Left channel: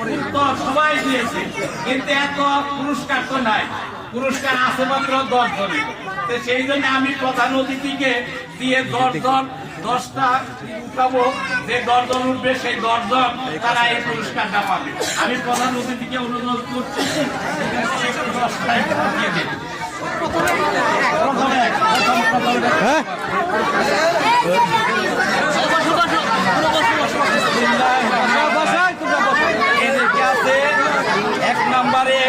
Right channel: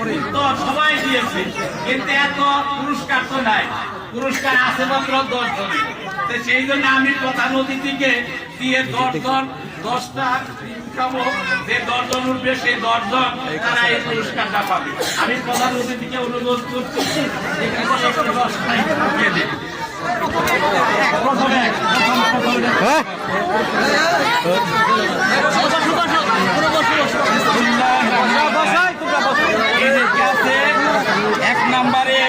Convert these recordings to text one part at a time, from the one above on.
উত্তর সবাই দিয়েছে, কিন্তু এত পুরস্কার তো নাই, পুরস্কার আছে মাত্র 10 জনের। সেই জন্য আমি প্রধান অতিথিকে দিয়ে 10 জন 10টা উঠাবো, যে 10 জন উঠবে সেই 10 জন তারা এই পুরস্কারটা পাবে। আমি প্রধান অতিথিকে অনুরোধ করছি এক নম্বরে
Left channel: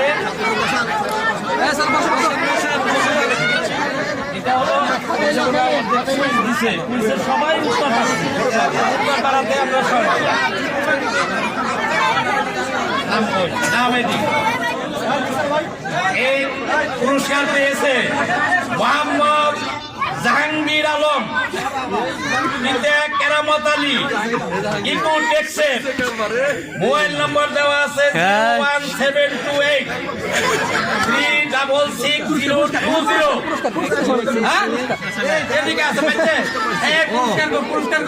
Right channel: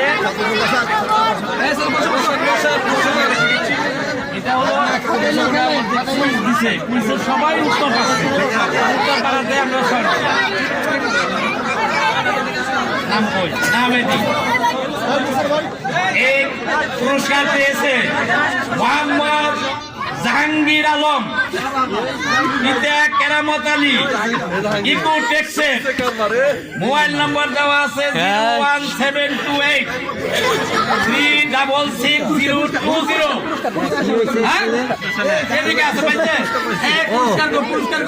এটা হলো সবাই উত্তর তারা দেয়, আমরা নামে দিই। এই পুরস্কার পেয়েছে মোহাম্মদ জাহাঙ্গীর আলম, পিতা কেরামত আলী, ইকো টেক্সের। মোবাইল নম্বর দেওয়া আছে 01728366020। এদিকে আছে পুরস্কার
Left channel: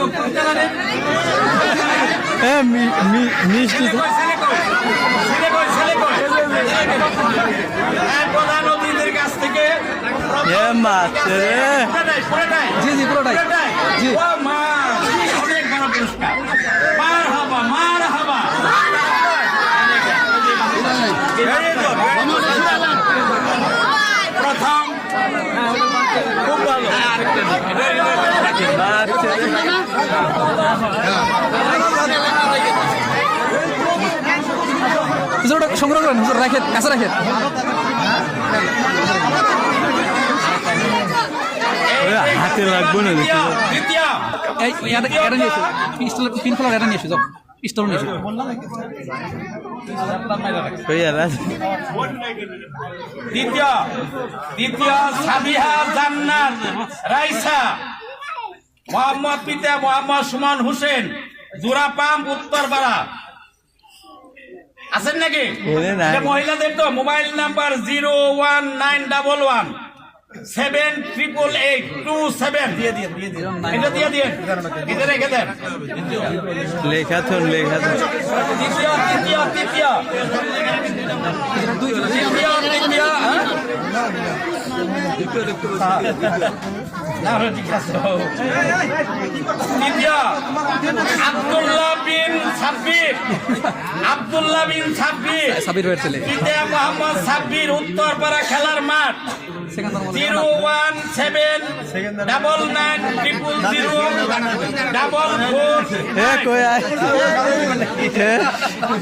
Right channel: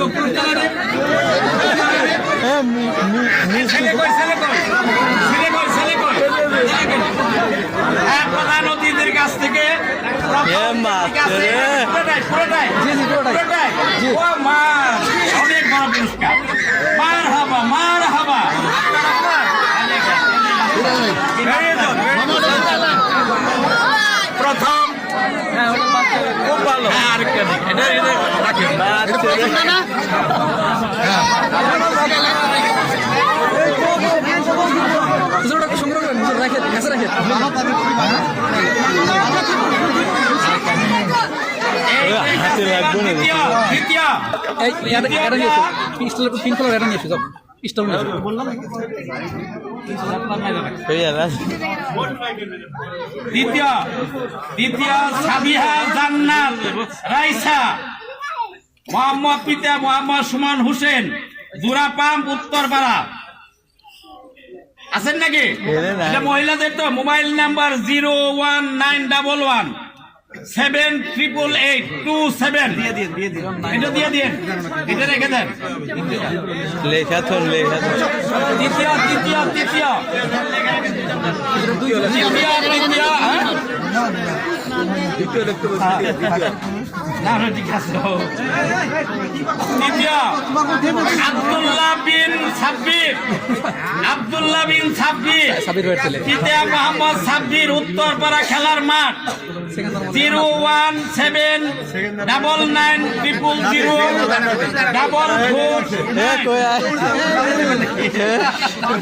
প্রধান অতিথির কাছ থেকে অনেক বড় পুরস্কার। মার হাবা প্রথম খুব ভালো। আরেকটা দিক রাখেন সংগ্রহ করেন, রাখেন কাছে রাখেন। দ্বিতীয় সাবিহা জান্নাত রাইসা, মোহাম্মদ পিতা মোহাম্মদ সুমন হোসেন, জোড়া পাম্প উত্তরপাড়া। আছেন নাকি? মহিলাদের তো মোবাইল নাম্বার 01911778827। এটা দিয়ে দিন, এটা রেখে দেন। আব্দুল্লাহ বিন সাব্বির, পিতা মোহাম্মদ সাব্বির, উত্তরপাড়া খেলার মাঠ। 017990004।